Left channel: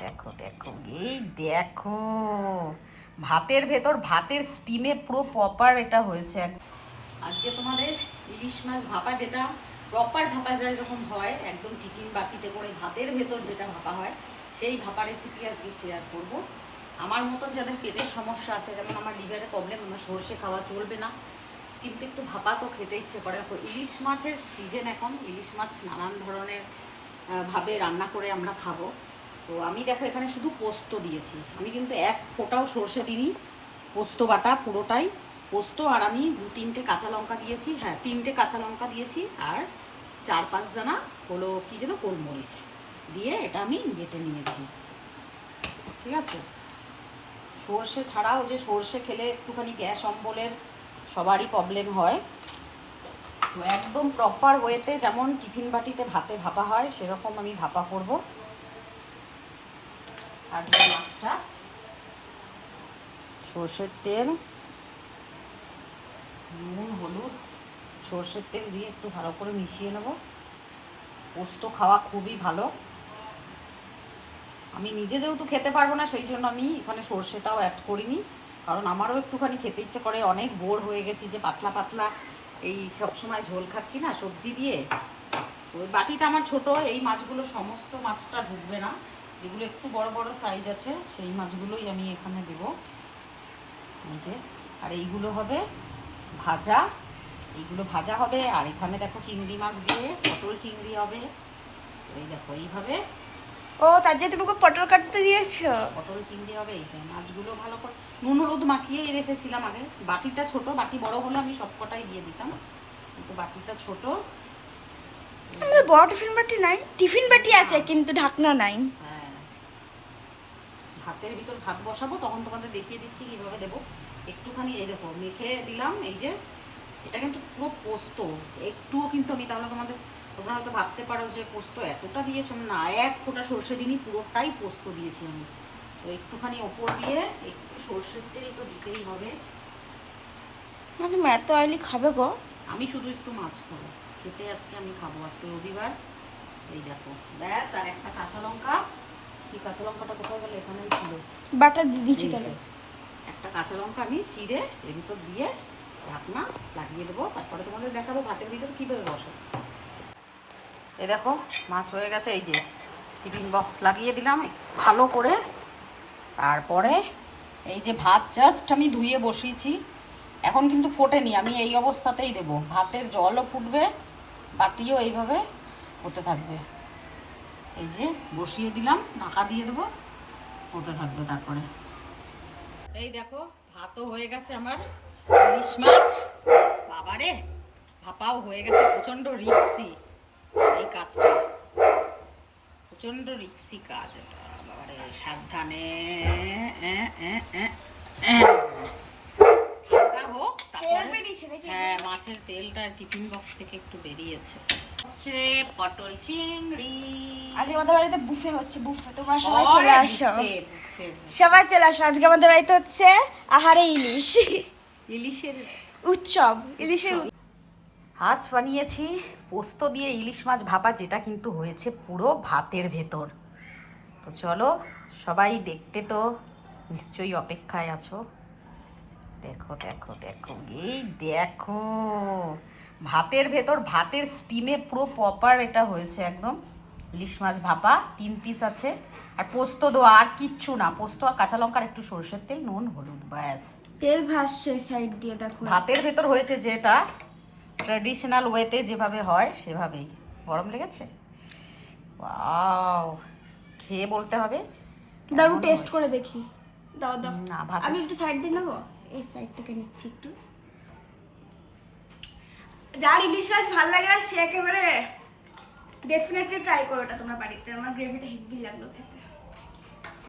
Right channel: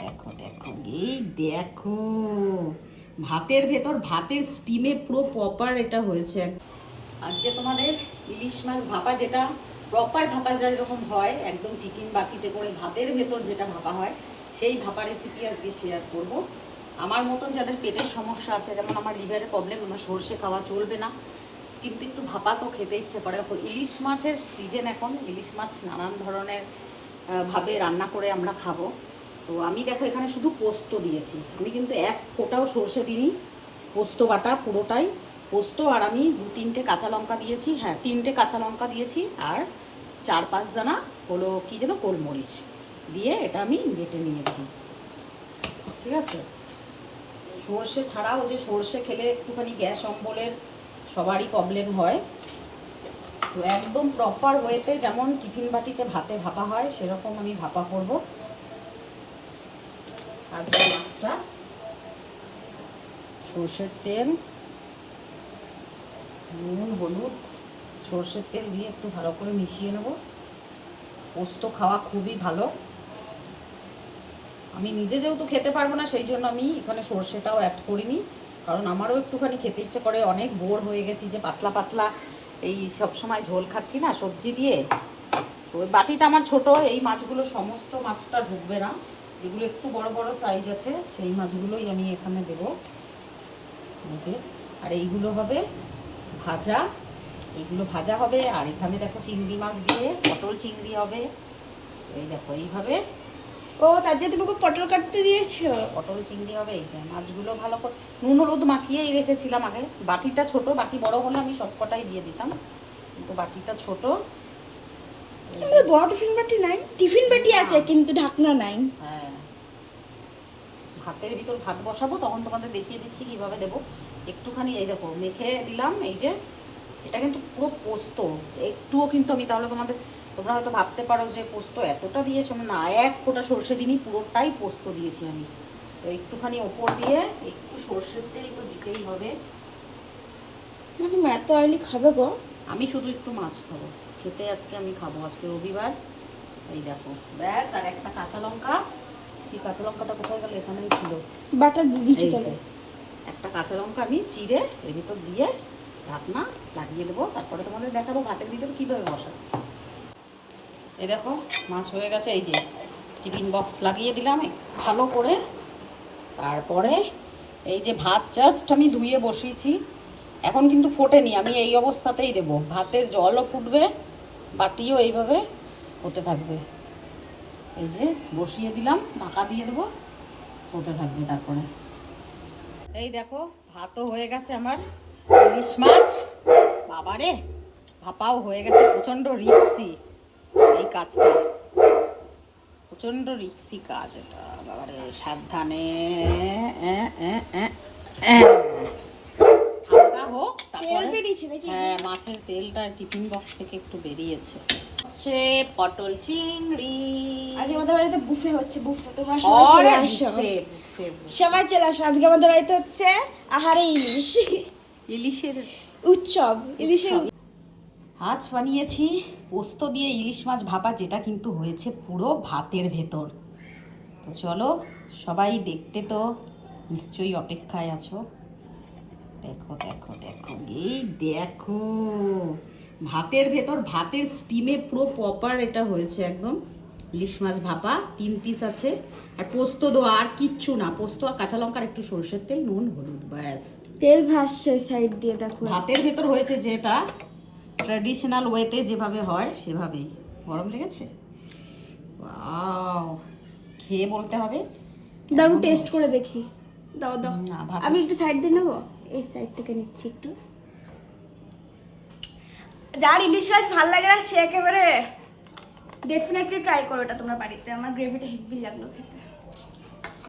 দেখো দেখো এই দেখো ভাতের ভেতর ভাতের স্টিমে পুরো প্রপার এটা হয়েছে। আজকে তোমাদের ইলিশ মাছ ভাপা, যেটা প্রপার ভাপা যায় এরকম হয়, একদম টিফিন বাটিতে করে ভাতের ভেতর যেটা ভাপা হয়, সেই ভাপা রেসিপি আজকে শেয়ার করব। আমার মতন যাদের পেটের সমস্যা আছে, যেমন আমার লিভারের প্রবলেম, আমার সর্ষে খাওয়া চলবে না, কিন্তু একটু ভাপা তো খেতে ইচ্ছে করে। দেখো ইলিশ মাছের সিজন এখন, ইলিশ মাছ নানান ধরনের ভাবে রান্না করে আমরা খাবো। তো আমি দেখো এখানে শুধু পোস্ত দিয়েছি, আমি কিন্তু এক ফোঁটাও সর্ষে দিইনি, পোস্ত বাটা পুরোটাই পোস্ত। আর আমি 2-3টে কাঁচা লঙ্কা দিয়েছি, হ্যাঁ 3টে কাঁচা লঙ্কা দিয়েছি, আর 4-5 দানা হলো কি যেন গোলমরিচ দিয়ে এটা আমি বেটে নিয়েছি। ঠিক আছে, সর্ষে ছাড়াও যে সর্ষে খেলে একটুখানি গ্যাস অম্বলের সবারই প্রবলেম হয়, তো একদম প্রপার ওয়েতে যেমন টিফিন বাটিতে ভাতে ভাপা হয় সেরকম আমি ভাপা করব। আজকে মাছটা সর্ষের তেল, নুন, হলুদ, সর্ষের তেল দিয়ে একটু ভালো করে মিশিয়ে নেব। পোস্ত খাওয়া খুবই ভালো, আমি নিজে যেহেতু খেতে পারবো না সেই জন্য আমি এখানে সর্ষেটাও অ্যাড করিনি, কারণ আমারও একটুখানি খেতে ইচ্ছে করে। অনেক বোর হয়ে গেছি যে পাতলা পাতলা এই সব সময় ঝোল খাচ্ছি না সবজি দিয়ে। তো ওই বাটিটা আমার ছোট, এই মাছগুলো সমস্ত মাছটা ঢুকবে না, যেগুলো একটু বড় বড় সাইজ আছে সেই মাছগুলোই আমি এখানে দেবো। এই যে, আর এইগুলো হবে ভাজা, এইগুলো ভাজা হবে। আর এখানে দেখো চিংড়ি মাছ দিয়ে পটল চিংড়ি হবে। এই দেখো এইভাবে। ও তার জন্য তুমি পটল কাটতে দিয়েছো? পটল চিংড়ি হবে। এই যে মাছগুলো ভালো করে নুন হলুদ মাখিয়েই রেখেছিলাম আগে। বাটিটা ছোট, বাটি বড় হলে আমি সবকটাই দিয়ে দিতাম, কিন্তু বাটিটা ছোট। আমাদের বড় টিফিন বাটি নাই, টিফিন বাটি আছে কিন্তু ঢাকনা নাই। হ্যাঁ, ভাতের ভিতর ভাত বসাবো তখন তোমাদের দেখিয়ে দিচ্ছি কিভাবে দেবো। একটুখানি এই দেখো মেখে দিলাম। এই যে এটা কিন্তু পুরো পোস্ত, একটুও কিন্তু আমি, তাহলে তোমরা হয়তো ভাবতে পারো যে পোস্ত এতটা দিয়েছো, না, এক ফোঁটা সর্ষে দিনই, পুরোটাই পোস্ত দিয়েছি আমি। তো একটুখানি ওপর দিয়ে একটু সর্ষের তেল তো দিতেই হবে। তুমি এত অয়েলি খাবে গো? আমি শুধু একটু মাছ খাবো, খেতে আজকে আমি খাবো, আজকে রবিবার। এই দেখো ব্যাস, আর একটা কাঁচা লঙ্কা, সেই কাঁচা লঙ্কাটা কোথায় গেল, এখানেই ছিল, বাটা দিয়েছি কেন? একটা কাঁচা লঙ্কা আমি চিড়ে এর ভিতর দিয়ে ঢাকনা লাগিয়ে দেবো, তারপরে তোমাদের দেখাবো ভাতের ভিতরে কীভাবে বসাচ্ছি। এই দেখো মাছ হয়ে গেছে। এই যে টিফিন বক্স লাগিয়ে দিলাম ভালো করে। তারপরে এই যে ভাত জাস্ট আমি ধুয়ে বসিয়েছি, এখন কিন্তু ফোটেনি, আমি এই অবস্থাতেই দেবো। ভাতের জলও ফুটবে, বাটিও এইভাবে হতে থাকবে। এই যে বসিয়ে দিলাম, ঢাকা দিয়ে দেবো, হতে থাকবে। তারপরে এই দেখো ভাতও হয়ে গেছে আমার, ইলিশ মাছ বাবারে ভাপাও হয়ে গেছে। প্রচণ্ড রিক্সি এই কাজটা, প্রচণ্ড রিক্সি কাজ এটা বাবারে, সাবধানে। ঠান্ডা হোক তারপরে। হ্যাঁ, মাছের তেলটা টিফিন বক্স থেকে একটু বেরিয়েছে। হচ্ছে পটল চিংড়ি। আজকে আমাদের বাড়িতে বুফে হচ্ছে, বুফে। তোমার সবাই চলে আসো, বুফে। সবাই চলে আসো। আজকে আমাদের বাড়িতে হচ্ছে আহারে ইলিশ, ইলিশের উৎসব, ইলিশের। আজ বানিয়েছি পোস্ত দিয়ে ইলিশ মাছ ভাপা, যেটা কিন্তু হয়েছে পুরো ভাতের ভেতর। তো চলো সবাই দেখতে তো নিশ্চয়ই অপেক্ষায় আছো। দেখো দেখো দেখো এই দেখো ভাতের ভেতর ভাতের স্টিমে পুরো প্রপার এটা হয়েছে একদম ইলিশ মাছ ভাপা। 3 পিস আছে, আর পোস্ত দেওয়া, আর কিচ্ছু না, পোস্ত আর কাঁচা লঙ্কার একটু সরষের তেল, নুন, হলুদ, ব্যাস। তেল ভাসছে সাইড দিয়ে, দেখো। ভাতের ভেতর হয়েছে যেটা ট্র্যাডিশনাল ওয়েতে যেভাবে হয় সেভাবেই। গরম লেগেছে? ওয়াও, খেয়ে বলতে হবে। দারুণ টেস্ট করে দেখি। দাও দাও, না, আমি একটু সাইড দিয়ে নেবো, এই সাইড থেকে নিচ্ছি একটু। যার ইলিশ মাছ ভালো লাগে না সে একেবারে ডেফিনেটলি ট্রাই করো এটা তোমরা বাড়িতে। আমার গ্রেভিটা হেভি লাগলো খেতে।